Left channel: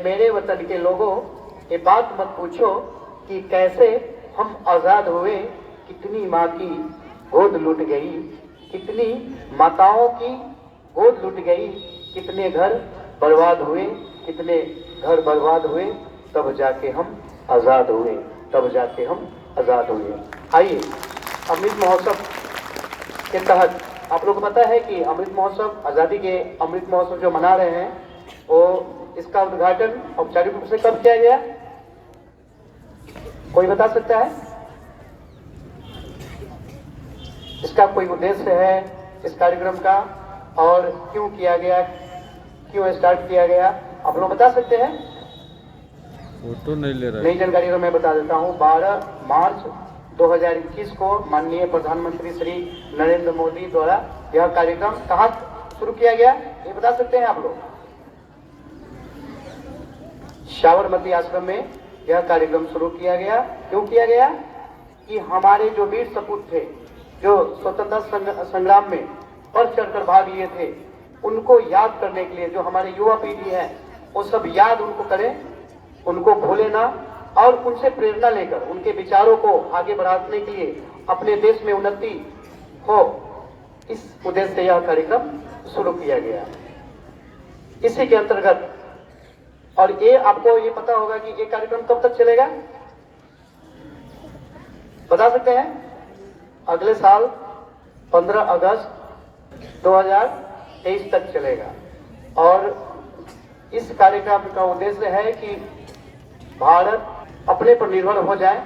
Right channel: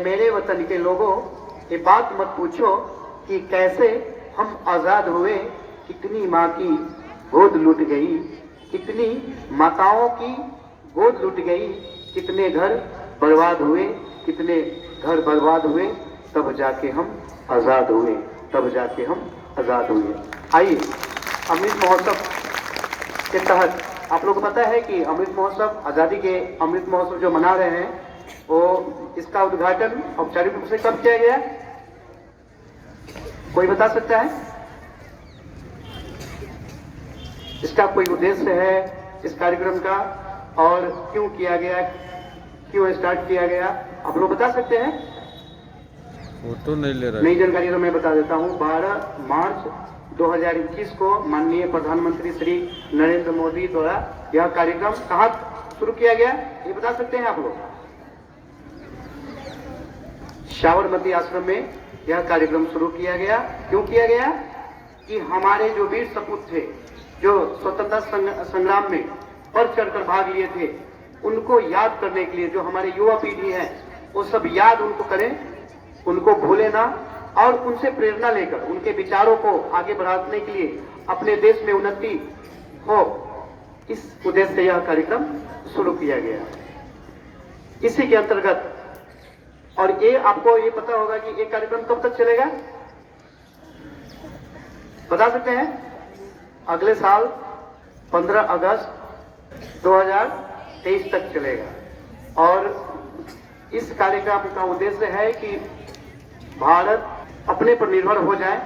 मेरे वतन के लोगों, ये बात मत पूछो कि कैसे हम आजाद हुए, कितनी माँ की गोद लूट गई, कितनी माताओं की गोद लूट गई, कितने घर बर्बाद हुए, कितने घर बर्बाद हुए, तब जाके हम आजाद हुए, तब जाके हम आजाद हुए। आइए, अमृत महोत्सव के तहत आप लोग को पता है कि अमृत महोत्सव, आजादी के अमृत महोत्सव जो मना रहे हैं, वो इसका उद्घाटन औपचारिक रूप से कब किया गया? कोई बता सकता है? इसका कोई उद्देश्य है इस कार्यक्रम का, और क्यों किया गया, क्यों स्टार्ट किया गया, आप लोग बता सकते हैं? फोटो नहीं ले रहा। नई जानकारी तो मैं बता देता हूँ। 12 मार्च 2021 को माननीय प्रधानमंत्री श्री नरेंद्र मोदी द्वारा यह कार्यक्रम कहाँ शुरू किया गया, ये बता सकते हैं आप लोग? साबरमती आश्रम में यह कार्यक्रम शुरू किया गया। क्यों किया गया? कि हमारे जो वीर सपूत थे, जो स्वतंत्रता संग्राम में बढ़ चढ़कर भाग लिए थे, उनको याद करने के लिए, जो हमारे युवा पीढ़ी है वो सब याद उनको करें, उनको भूले ना, और उनसे प्रेरणा लेकर उनके विचारों को आगे बढ़ाने के लिए अपने देश में उन्नति हो, इस उद्देश्य से यह कार्यक्रम शुरू किया गया। इसी के अंतर्गत, और ये आपको ये पता होगा कि ये कार्यक्रम कब तक चलेगा, बता सकते हैं? अगले साल 15 अगस्त 2023 तक चलेगा। और इस कार्यक्रम का उद्देश्य है कि भारत अपने पर निर्भर हो जाए,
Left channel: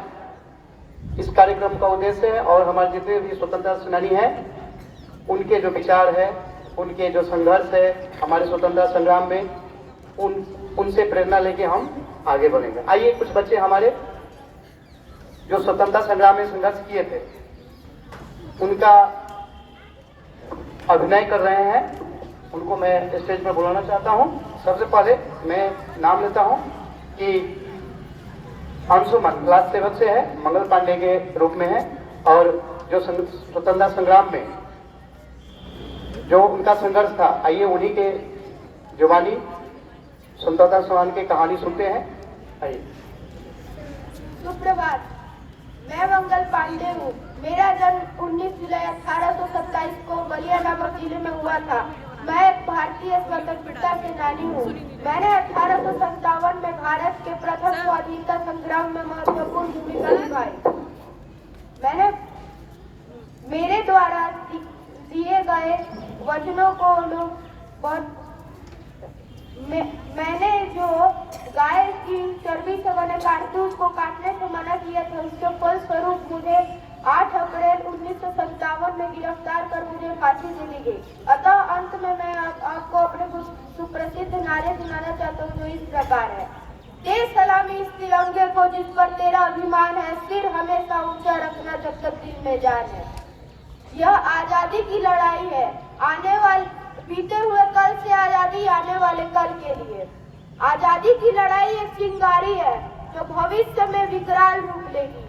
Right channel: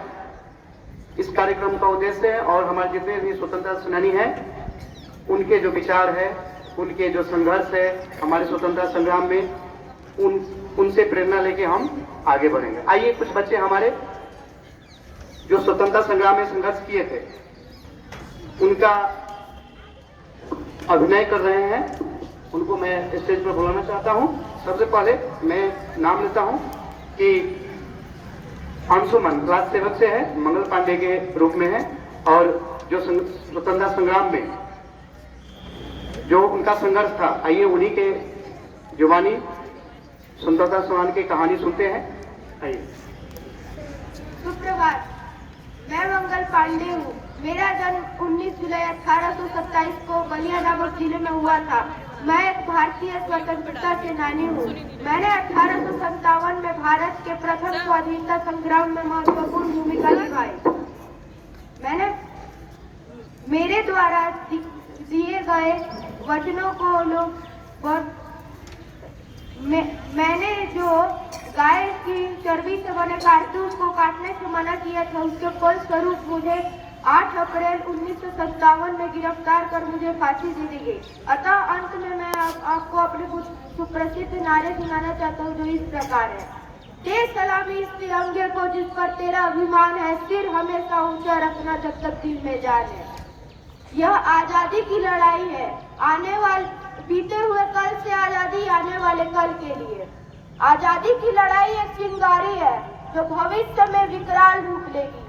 इस कार्यक्रम का उद्देश्य है। और हमारे जितने भी स्वतंत्रता सेनानी हैं, उनके जो विचार है, उनके जो संघर्ष है हमारे स्वतंत्रता संग्राम में, उनसे प्रेरणा लेके हम आगे बढ़ेंगे। आइए, कुछ बच्चे हमारे जो स्वतंत्रता संग्राम में संघर्ष किए थे, उनका अभिनय कर रहे हैं, उनको मैं स्टेज पर बुलाना चाहता हूं। सबसे पहले मैं नाम लेता हूं कि अंशुमन क्लास 7 से है, मंगल पांडे के रूप में है, और जो स्वतंत्रता संग्राम में जो उनका संघर्ष था, आइए उन्हीं के जुबानी स्वतंत्रता संग्राम की कहानी सुनते हैं। आइए। सुप्रभात, मैं मंगल पांडे हूँ। मेरा जन्म 19 जुलाई 1827 को बलिया नामक जिले में हुआ था। मैं एक भारतीय स्वतंत्रता सेनानी हूँ। मैंने 1857 में भारत के प्रथम स्वाधीनता संग्राम में महत्वपूर्ण भूमिका निभाई। मेरे द्वारा दिए गए वचनों को मैंने जो गाय की चर्बी से बने कारतूस को काटने से मना किया था, उसके फलस्वरूप मुझे 8 अप्रैल 1957 में गिरफ्तार कर मुझे फांसी दे दी गई। अतः अंत में मैं आपको अपने कुछ सुप्रसिद्ध नारे सुनाना चाहता हूँ, जो इस प्रकार है। देश सलामी इस तिरंगे को जिस पर तेरा अभिमान है, सिर हमेशा ऊंचा रखना जब तक दिल में जान है। यह आजादी की लड़ाई है, आने वाले बीते हुए कल से आजादी आने वाले कल के लिए। आजादी की लड़ाई एक चिंगारी है जो भविष्य में विकराल रूप लेगी।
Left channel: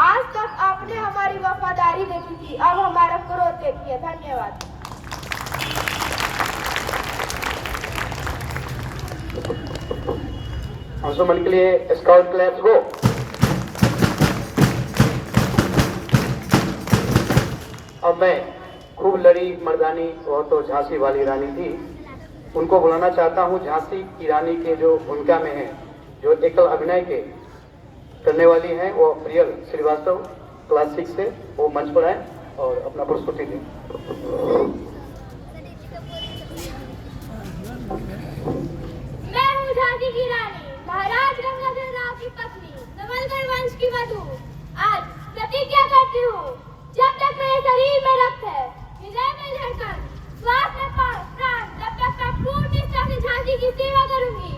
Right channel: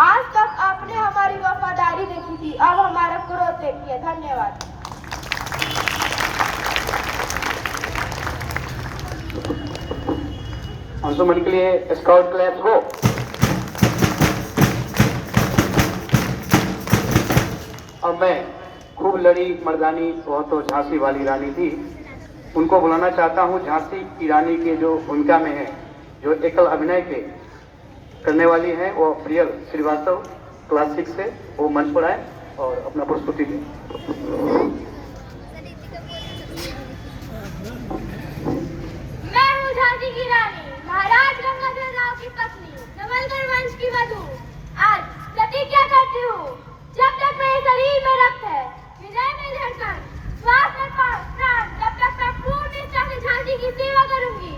आज तक आपने हमारी वफादारी देखी थी, अब हमारा क्रोध देखिए। धन्यवाद। अंशुमन के लिए स्काउट क्लैप्स हो। अब मैं खूब लड़ी मर्दानी, वो तो झांसी वाली रानी थी, उनको बुलाना चाहता हूँ। झांसी की रानी के जो भूमिका में है, जो एकल अभिनय के करने वाली है, वो प्रियल श्रीवास्तव क्लास 6 से, वो मंच पर आए और अपना प्रस्तुति दें। मैं हूँ झांसी की रानी, महाराज गंगाधर राव की पत्नी, नवलगढ़ वंश की वधू। आज प्रतिज्ञा करती हूँ, जब तक मेरे शरीर में रक्त है, हृदय में धड़कन, श्वास में प्राण, तब तक मैं पूर्ण निष्ठा से झांसी की सेवा करूंगी।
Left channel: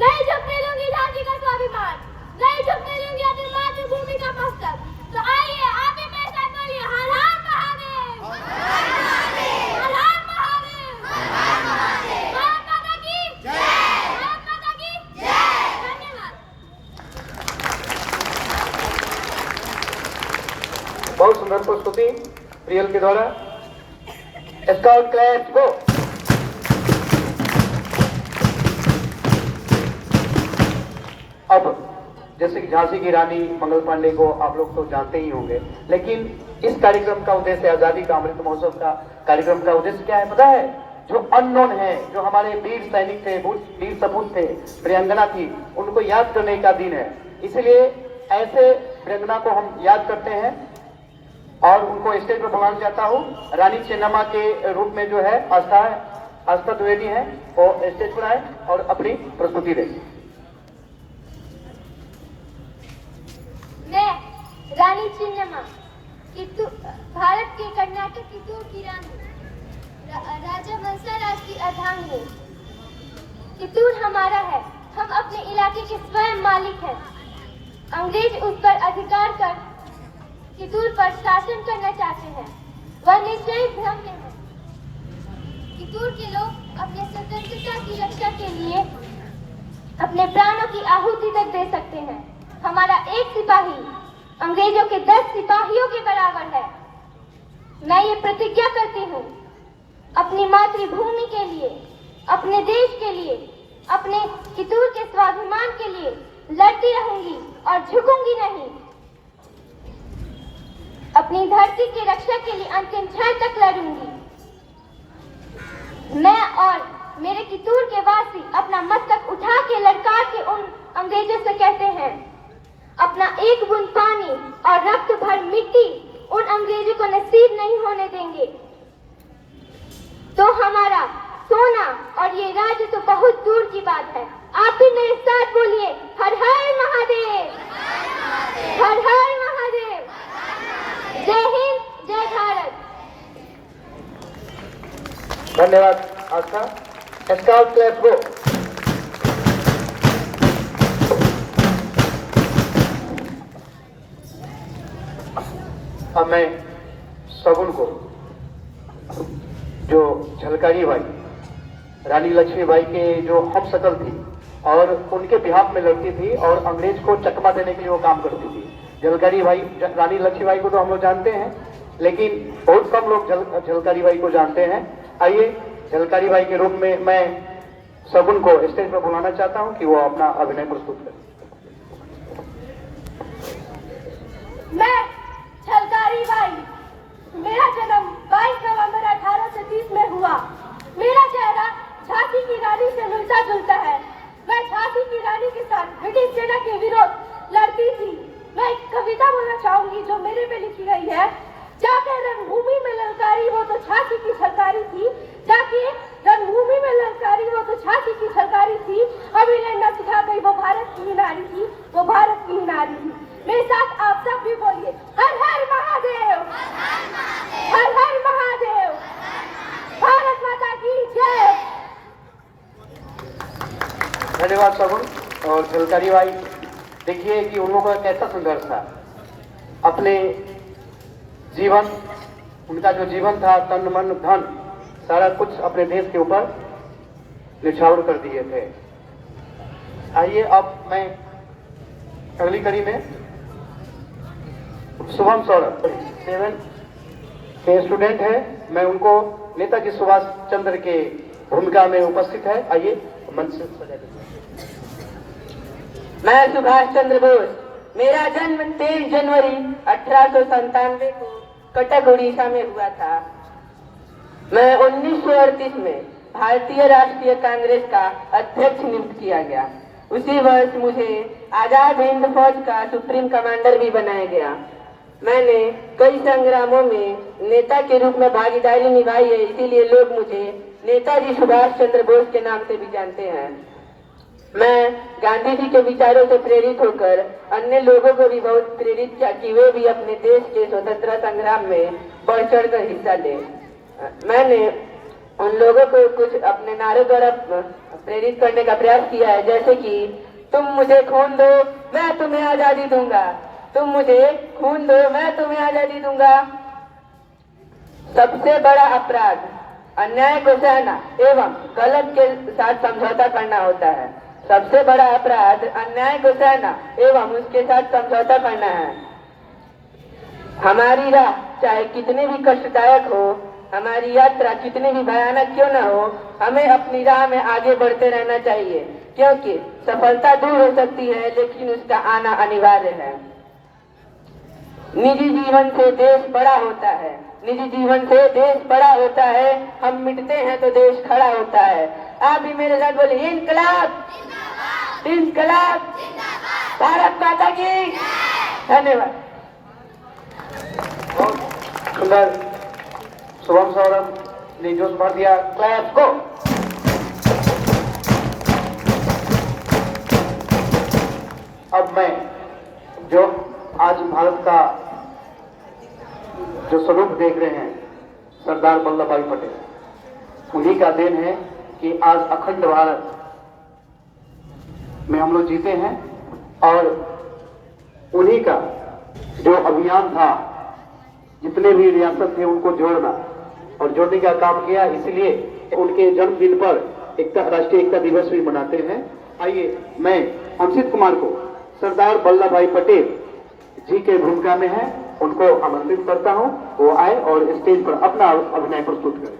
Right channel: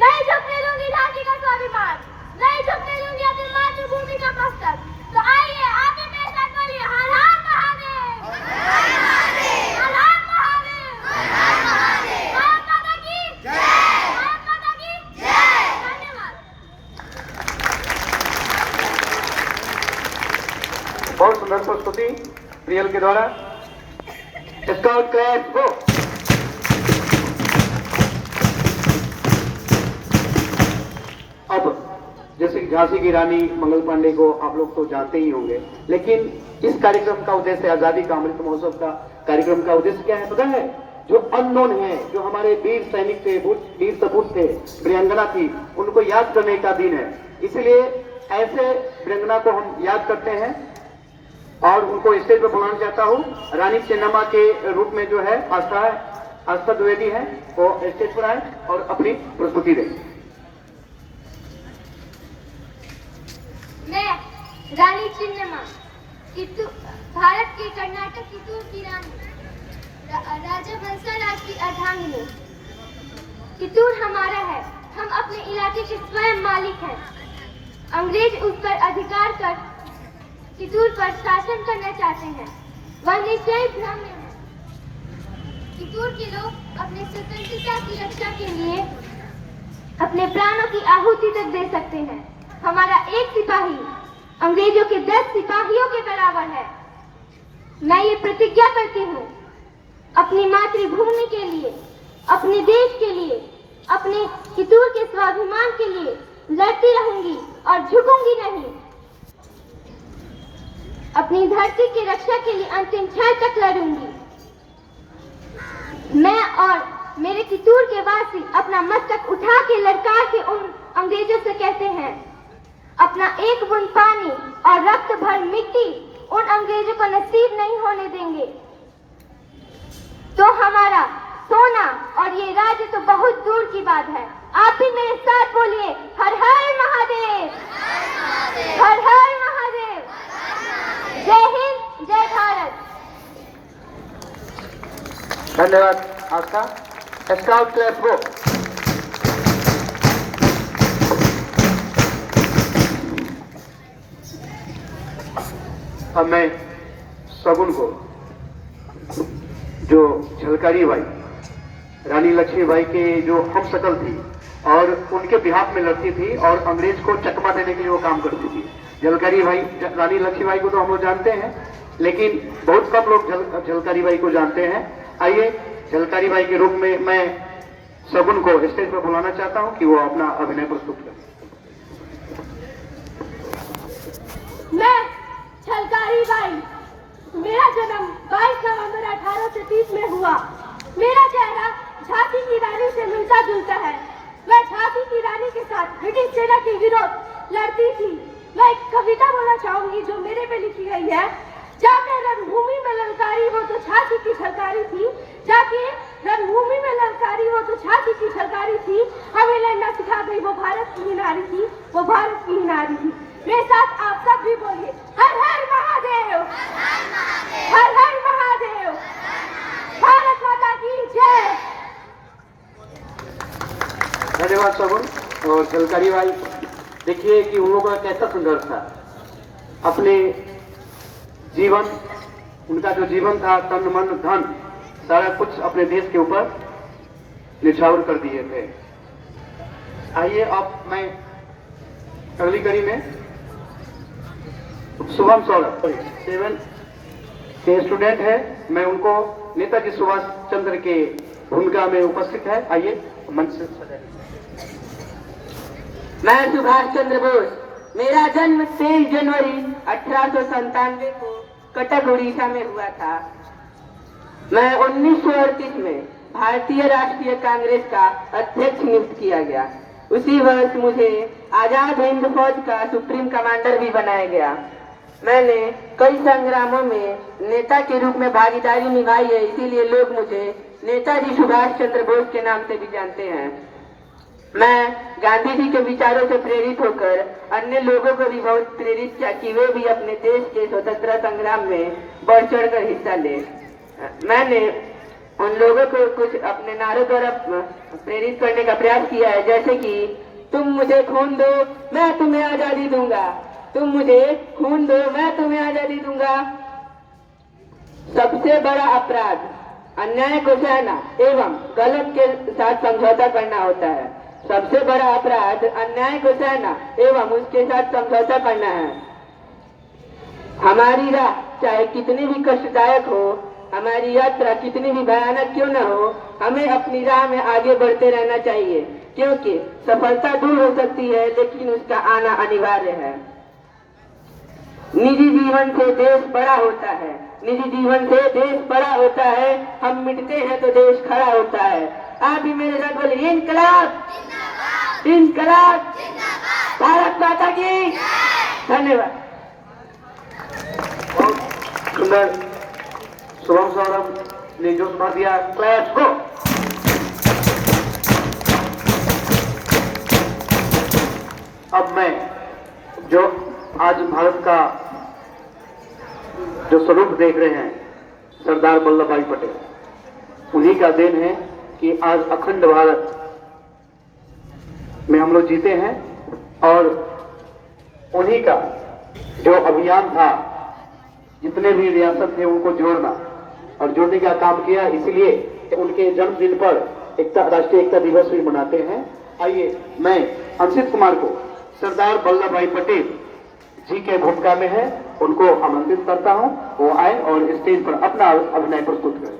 नहीं झुकने दूंगी झांसी का स्वाभिमान, नहीं झुकने दूंगी अपनी मातृभूमि का मस्तक। तो आइए, आप भी मेरे साथ बोलिए, हर हर महादेव, हर हर महादेव, हर हर महादेव, हर हर महादेव। भारत माता की जय, भारत माता की जय। धन्यवाद। बहुत सुंदर प्रस्तुति प्रियल के द्वारा। स्काउट क्लैप्स को। अब जैसे कि झांसी की रानी मंगल पांडे को आप लोग तो जानते ही होंगे, लेकिन इस कार्यक्रम का उद्देश्य, आजादी का अमृत महोत्सव का कार्यक्रम का उद्देश्य क्या है पता है? जो अननोन है, जो हमारे वीर सैनिक थे, वीर सपूत थे, वीरांगना थी, उनको याद करने का दिन है। इसलिए ऐसे वीरांगना को हम याद करते हैं और उनको स्टेज पर बुलाना चाहता हूँ। रानी चेन्नम्मा के रूप में जो है आस्था द्विवेदी है, वो स्टेज पर आए और अपनी प्रस्तुति दें। मैं रानी चेन्नम्मा, भारत के कर्नाटक कितूर की रानी, राजा बंसाराज की अर्धांगिनी। कितूर हमारा है, हम अपने इलाके के स्वयं मालिक हैं। अंग्रेज उस पर अधिकार कर कितूर पर शासन करना चाहते हैं, वह निश्चय भ्रम में है। कितूर के लोग अपने स्वतंत्रता की रक्षा के लिए अपने प्राणों की आहुति तक दे सकते हैं। हमारा एक सिपाही अंग्रेजों के 10 सिपाहियों के बराबर है। मैं ये प्रतिज्ञा करती हूँ, अपनी मातृभूमि के लिए, अपने देश के लिए, अपने कितूर के स्वाभिमान के लिए लड़ती रहूंगी और झुकूंगी नहीं। अपनी धरती की रक्षा के लिए अंतिम क्षण तक लड़ूंगी। मैं और मेरे कितूर के वासी अपना मस्तक उठा के ललकार के उन अंग्रेजों से कहते हैं, अपना एक बूंद पानी और रक्त भर मिट्टी उन अंग्रेजों को नसीब नहीं होने देंगे। तो हमारा सोना और ये राज्य तो बहुत दूर की बात है। आप भी मेरे साथ बोलिए, हर हर महादेव, हर हर महादेव। जय हिंद, जय भारत। धन्यवाद आस्था। स्काउट क्लास गो। अब मैं सगुन को, जो झलकारी बाई, रानी लक्ष्मीबाई के जो हम शकल थी और उनके बिहाफ में लड़ती थी और अंग्रेज को चकमा देने के लिए वो काम करती थी। झलकारी बाई, रानी लक्ष्मीबाई को तो हम लोग जानते हैं, लेकिन बहुत कम लोग झलकारी बाई को जानते हैं। आइए झलकारी बाई के रूप में मैं सगुन को स्टेज पर बुलाना चाहता हूं कि वो अपना अभिनय प्रस्तुत करें। मैं झलकारी बाई, मेरा जन्म 22 नवंबर 1830 में हुआ। मेरा चेहरा झांसी की रानी से मिलता जुलता है। मैं झांसी की रानी के साथ ब्रिटिश सेना के विरोध लड़ती थी। मैं एक कविता बोलना चाहूंगी जो मेरे पे लिखी गई है। जाके रणभूमि में ललकारी हो तो झांसी की झलकारी थी, जाके रणभूमि में ललकारी हो तो झांसी की झलकारी थी। हमें लड़ना सिखा गई वो भारत की ही नारी थी, वो भारत की ही नारी थी। मेरे साथ आप सब भी बोलिए, हर हर महादेव, हर हर महादेव, भारत माता की जय। धन्यवाद सगुन और झलकारी बाई। देखिए कि उन लोगों का कैसा संघर्ष था। अपने जीवन, उनका जो जीवन था, तन मन धन सारा कुछ अपने देश के ऊपर निछावर कर दिए थे। आइए अब मैं अगली कड़ी में शुभम सौरभ 7 के स्टूडेंट है, मैं उनको नेताजी सुभाष चंद्र के भूमिका में उपस्थित है। आइए मंच से। मैं सुभाष चंद्र बोस। मेरा जन्म 23 जनवरी 1897 को कटक उड़ीसा में हुआ था। मैं 1938 में भारतीय राष्ट्रीय कांग्रेस का अध्यक्ष नियुक्त किया गया। उसी वर्ष मुझे आजाद हिंद फौज का सुप्रीम कमांडर भी बनाया गया। मैंने कई संग्रामों में नेता के रूप में भागीदारी निभाई है, इसीलिए लोग मुझे नेताजी सुभाष चंद्र बोस के नाम से भी जानते हैं। मैं गांधी जी के विचारों से प्रेरित होकर अन्य लोगों को भी बहुत प्रेरित किया कि वे भी अपने देश के स्वतंत्रता संग्राम में बढ़ चढ़ कर हिस्सा ले। मैंने उन लोगों को कुछ अपने नारों द्वारा प्रेरित करने का प्रयास किया है, जैसे कि तुम मुझे खून दो मैं तुम्हें आजादी दूंगा, तुम मुझे खून दो मैं तुम्हें आजादी दूंगा। सबसे बड़ा अपराध अन्याय को सहना एवं गलत के साथ समझौता करना होता है। सबसे बड़ा अपराध अन्याय को सहना एवं उसके साथ समझौता करना है। हमारी राह चाहे कितनी भी कष्टदायक हो, हमारी यात्रा कितनी भी भयानक क्यों न हो, हमें अपनी राह में आगे बढ़ते रहना चाहिए, क्योंकि सफलता दूर हो सकती है लेकिन उसका आना अनिवार्य है। निजी जीवन से देश बड़ा होता है, निजी जीवन से देश बड़ा होता है, हम मिटते हैं तो देश खड़ा होता है। आप भी मेरे साथ बोलिए, इनकलाब इनकलाब, भारत माता की धन्यवाद। सुंदर शुभम सौरभ ने जोश भर दिया। क्लैप्स को अब मैं जो आज भारत का जो स्वरूप देख रहे हैं सरदार वल्लभ भाई पटेल, उन्हीं का देन है कि आज अखंड भारत में हम लोग जीते हैं। और उन्हीं का जो अभियान था, जितने भी रियासत थे उनको जोड़ना और जोड़ने का काम किया, इसलिए उनके जन्मदिन पर राष्ट्रीय एकता दिवस भी मनाते हैं। आइए मैं अंशित कुमार को सरदार वल्लभ भाई पटेल जी के भूमिका में है, उनको आमंत्रित करता हूं, वो आए और स्टेज पर अपना अभिनय प्रस्तुत करें।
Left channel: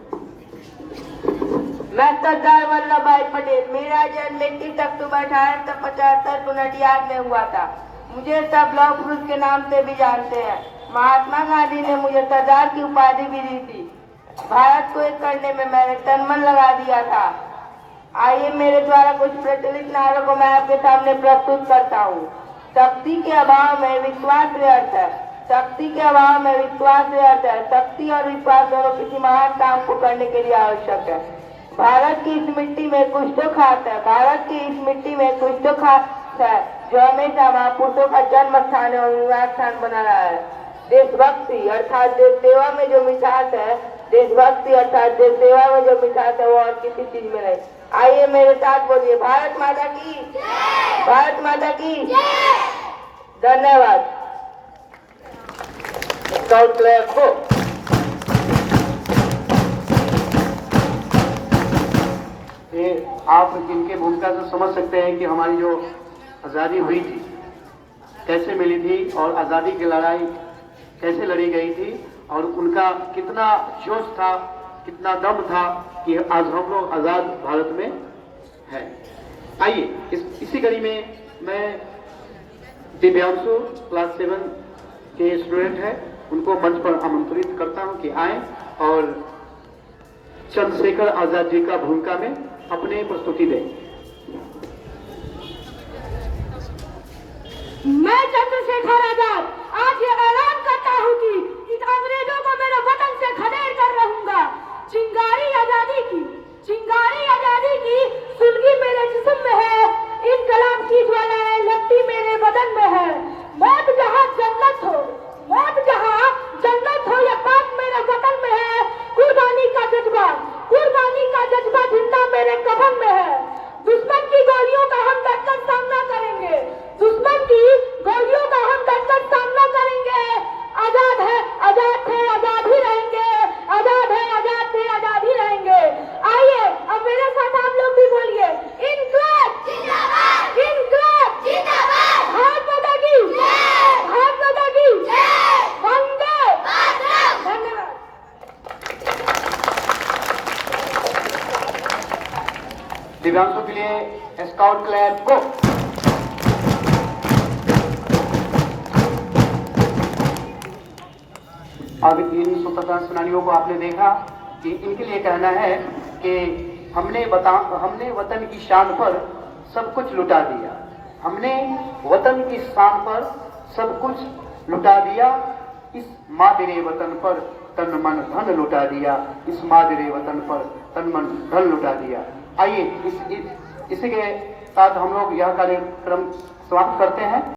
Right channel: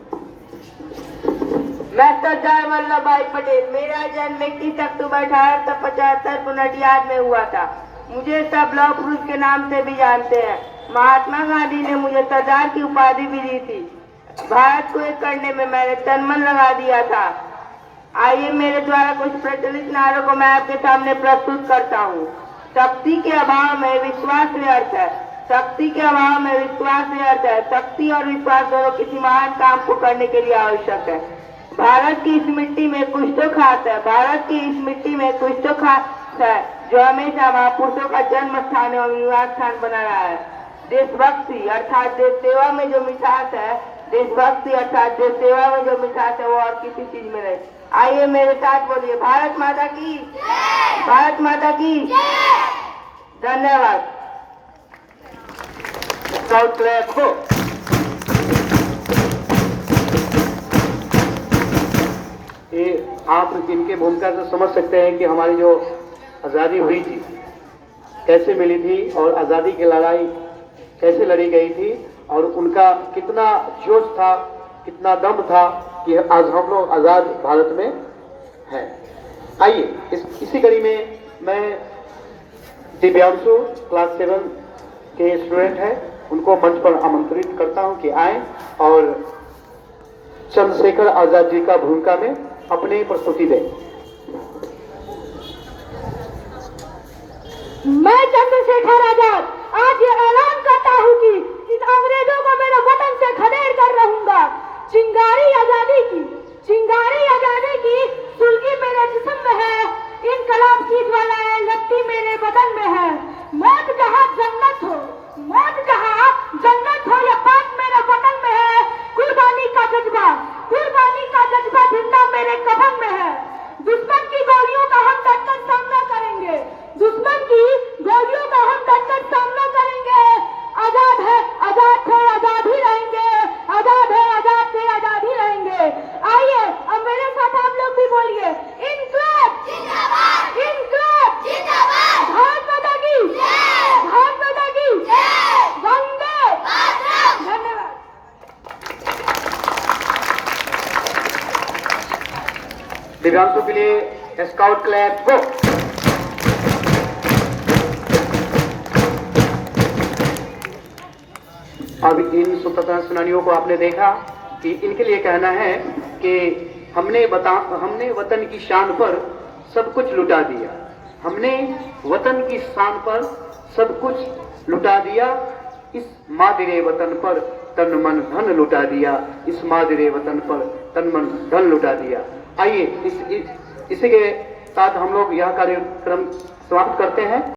मैं सरदार वल्लभ भाई पटेल, मेरा जन्म 21 अक्टूबर 1875 पुनटियाद में हुआ था। मुझे सब लौह पुरुष के नाम से भी जानते हैं। महात्मा गांधी ने मुझे सरदार की उपाधि भी दी थी। भारत को एक करने में मैंने तन मन लगा दिया था। आइए मेरे द्वारा कुछ प्रचलित नारों को मैं आपके सामने प्रस्तुत करता हूँ। शक्ति के अभाव में विश्वास व्यर्थ है, शक्ति के अभाव में विश्वास व्यर्थ है। शक्ति और विश्वास दोनों किसी महान काम को करने के लिए आवश्यक है। भारत की इस मिट्टी में कुछ तो खास है, भारत की इस मिट्टी में कुछ तो खास है जो हमेशा महापुरुषों का जन्म स्थान एवं निवास स्थान बना रहा है। देशभक्ति अर्थात देश सेवा में जो मिठास है, देशभक्ति अर्थात देश सेवा में जो मिठास है वो और किसी चीज में नहीं। आइए मेरे साथ बोलिए, भारत माता की, भारत माता की धन्यवाद। स्काउट क्लैप को ये आप इनके भूमिका से समझ सकते हैं कि हमारी जो आज़ादी हुई थी कैसे मिली थी और आज़ादी की लड़ाई कैसे लड़ी गई थी और उनका कितना जोश था, कितना दम था कि आज हम लोग आज़ाद भारत में हैं। आइए इसी कड़ी में मैं दिव्यांशु क्लास 7 के स्टूडेंट हैं, उनको मंच पर आमंत्रित करता हूं कि आए और चंद्रशेखर आजाद जी का भूमिका में अपनी प्रस्तुति दें। मैं चंद्रशेखर आजाद आज ये ऐलान करता हूँ कि इन अंग्रेजों को मेरे वतन से खदेड़ कर रहूंगा। चिंगारी आजादी की, चिंगारी आजादी की सुलगी मेरे जिस्म में है, इनकलाब की ज्वालाएं लगती मेरे बदन में है। मौत जहाँ जन्नत हो, मौत जहाँ जन्नत हो, या पाप मेरे वतन में है। कुर्बानी का जज्बा, कुर्बानी का जज्बा जिंदा मेरे कफन में है। दुश्मन की गोलियों का हम डटकर सामना करेंगे, दुश्मन की गोलियों का हम डटकर सामना करेंगे। आजाद है, आजाद थे, आजाद ही रहेंगे, आजाद है, आजाद थे, आजाद ही रहेंगे। आइए अब मेरे साथ आप लोग भी बोलिए, इनकलाब जिंदाबाद, इनकलाब जिंदाबाद, भारत माता की जय, भारत माता की जय, वंदे मातरम। धन्यवाद। दिव्यांशों के लिए स्काउट क्लैप को। अब इन स्वतंत्रता सेनानियों को आपने देखा कि इनके लिए कहना है कि हमने वतन की शान पर सब कुछ लुटा दिया, हमने वतन की शान पर सब कुछ लुटा दिया, इस मादिरे वतन पर तन मन धन लुटा दिया, इस मादिरे वतन पर तन मन धन लुटा दिया। आइए इसी के साथ हम लोग यह कार्यक्रम समाप्त करते हैं।